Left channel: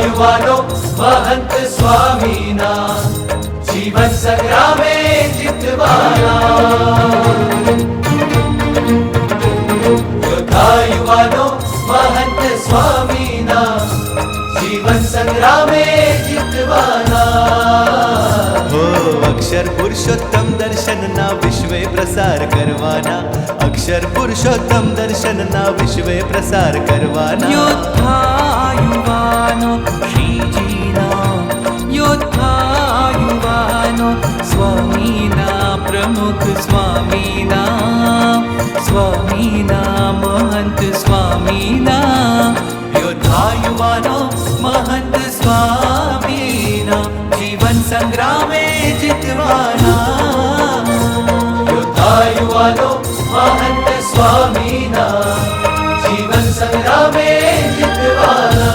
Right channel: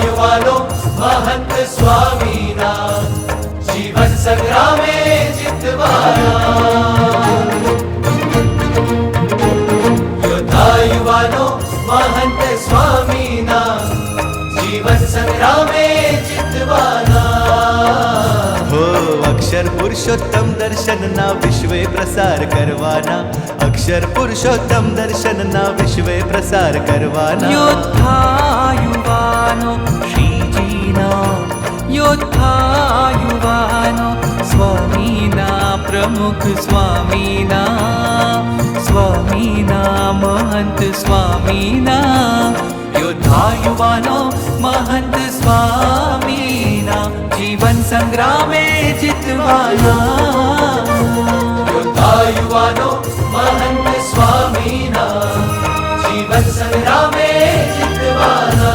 युवानो महंत स्वामीना जीवन संग्रामे जितवाना। योद्धा युवानो महंत स्वामीना जीवन संग्रामे जितवाना। हो अक्षर पुरुषोत्तम दर्शन ना विश्वे प्रसार करवाना। अक्षर पुरुषोत्तम दर्शन ना विश्वे प्रसार करवाना। योद्धा युवानो श्रीजीना, योद्धा युवानो स्वामीना प्रमुख स्वामीना, स्वामीना महंत स्वामीना। योद्धा युवानो महंत स्वामीना जीवन संग्रामे जितवाना। योद्धा युवानो महंत स्वामीना जीवन संग्रामे जितवाना।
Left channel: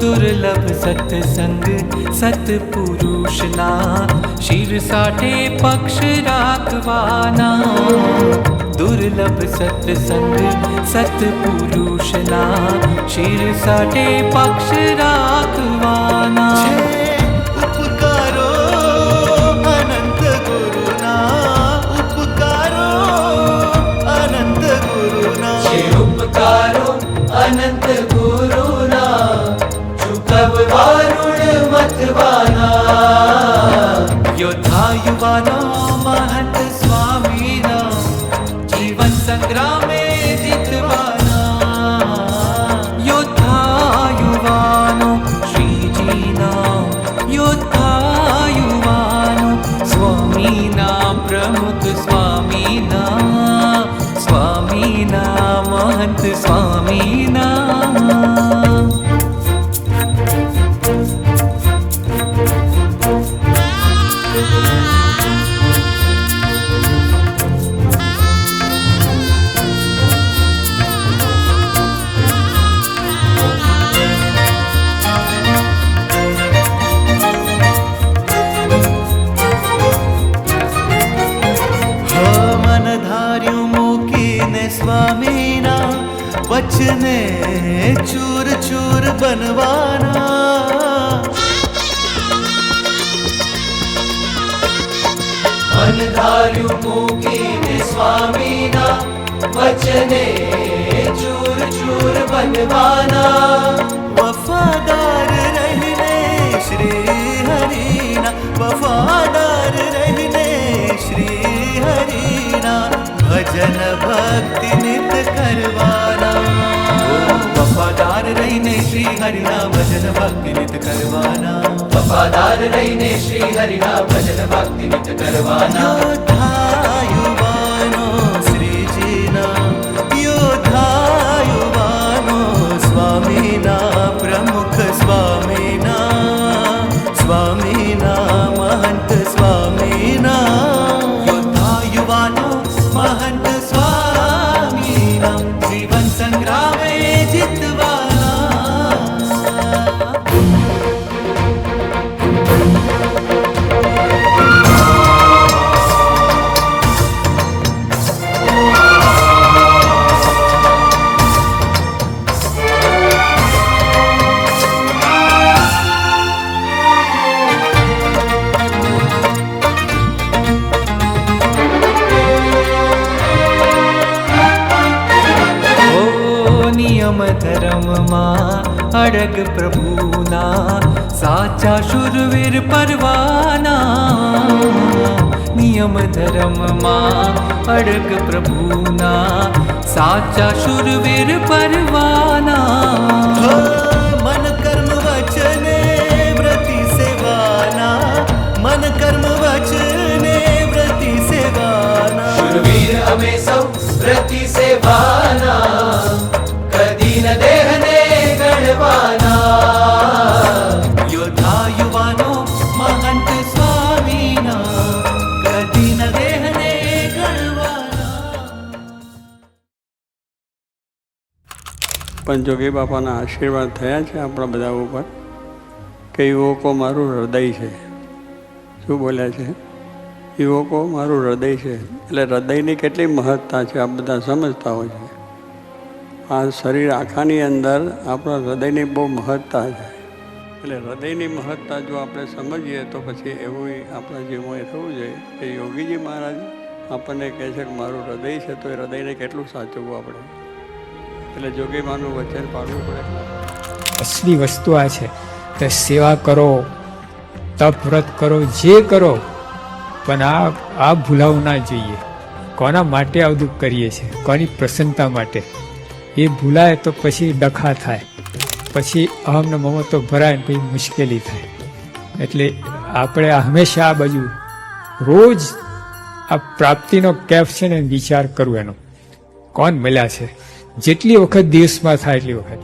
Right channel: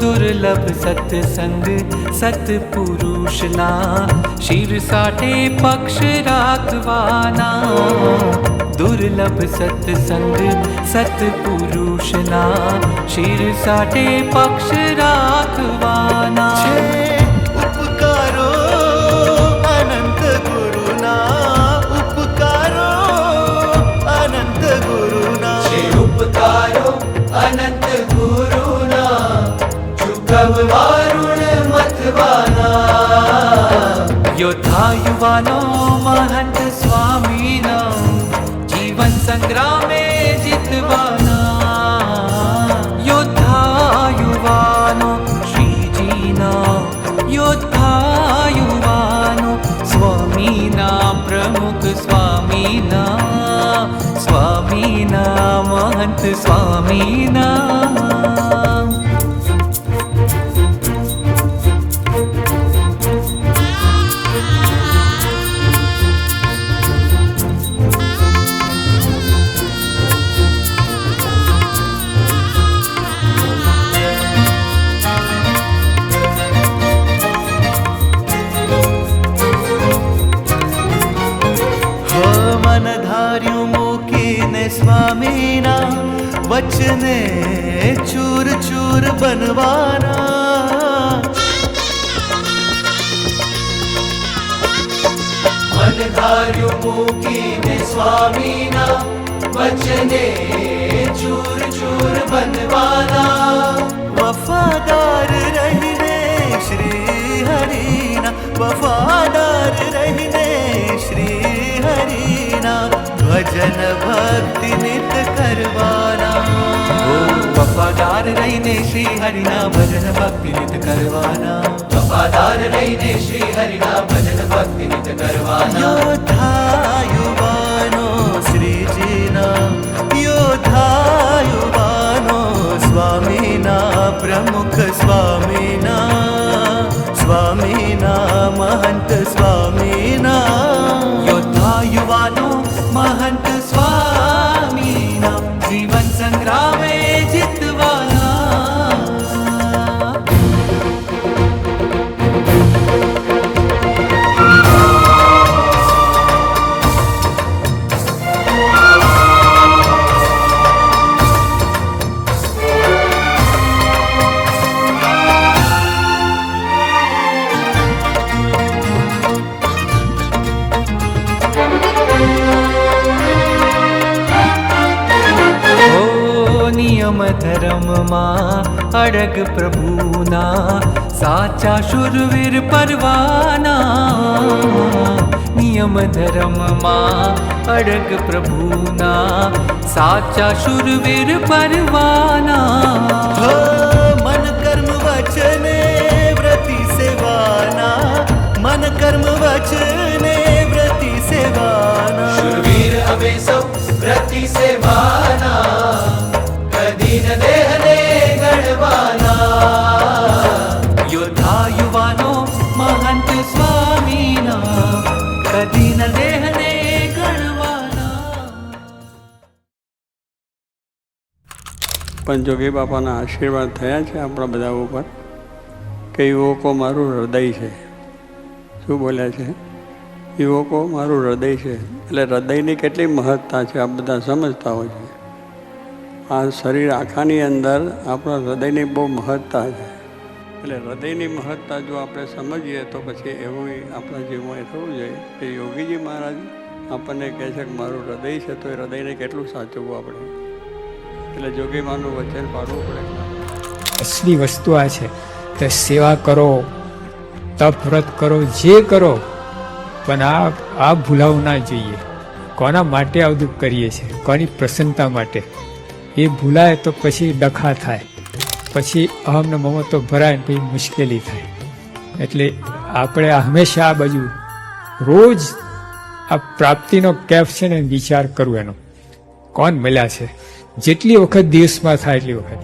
दुर्लभ सत्संग सत्पुरुषना शिर साठे पक्ष राखवाना। दुर्लभ सत्संग सत्पुरुषना शिर साठे पक्ष राखवाना। उपकारो अनंत गुरुना, उपकारो अनंत गुरुना। उपकारो अनंत गुरुना चुकववारुण मतवाना। योद्धा युवानो महंत स्वामीना जीवन संग्रामे जितवाना। योद्धा युवानो श्रीजीना, योद्धा युवानो स्वामीना प्रमुख स्वामीना, स्वामीना महंत स्वामीना। मनधार्यु मूकीने स्वामीना वचने चूर चूर बनवाना। मनधार्यु मूकीने स्वामीना वचने चूर चूर बनवाना। वफादार रहने श्री हरिना, वफादार रहने श्री हरिना। भजन भक्ति नित करवाना। वफादार रहने श्री हरिना भजन भक्ति नित करवाना। वफादार रहने श्री हरिना भजन भक्ति नित करवाना। योद्धा युवानो श्रीजीना, योद्धा युवानो स्वामीना प्रमुख स्वामीना, स्वामीना महंत स्वामीना। योद्धा युवानो महंत स्वामीना जीवन संग्रामे जितवाना। ધર્મમાં અડગ પ્રભુના સાચા શુરવીર પરવાના નિયમ ધર્મમાં અડગ પ્રભુના સાચા શુરવીર પરવાના મન કર્મ વચને વ્રતિ સેવાના મન કર્મ વચને વ્રતિ સેવાના શુરવીર અમે સૌ વ્રતિ સેવાના કદી ન દેહને ગણવાના યોદ્ધા યુવાનો મહંત સ્વામીના કદી ન દેહને ગણવાના. પણ જોગી બાપાના આશીર્વાદ થયા છે આપણા બધા ઉપર કે યુવકો મારું હૃદય છે. શું બોલ્યા છે? યુવકો મારું હૃદય છે. એટલે હૃદયની કેટલી મહત્તા છે આ બધા સમજતા હોય છે. આ શરીર આખાની અંદર આપણા હૃદયની બહુ મહત્તા છે. એટલે હૃદયની મહત્તા જો આપણે સમજીએ તો પછી એવું આપણા જીવનમાં થવું જોઈએ કે યોગીજી મહારાજ આપણને કહે છે કે મારું હૃદય છે તો એ હૃદયને કેટલું સાચવવું આપણે. એટલે જોગીમાનું વચન પાડવું પડે. અસલી વસ્તુ આ છે કે સેવા કરો, તપ વ્રત કરો, જે કરો, પણ આ ભૂલાવું ના જોઈએ. કોના માટે આ બધું કરીએ છીએ? કોની પ્રસન્નતા માટે? એ ભૂલાય તો પછી ડખા થાય, પછી અહમને મમતો ભરાય, પછી મુશ્કેલી થાય. એટલે આપણે હંમેશા આ બાજુ રોજ આ પ્રાપ્તિનો કેફ છે ને વિચાર કરવો એનો. કોણ મળ્યા છે? જેટલી વખત દિવસમાં થાય એટલી વખત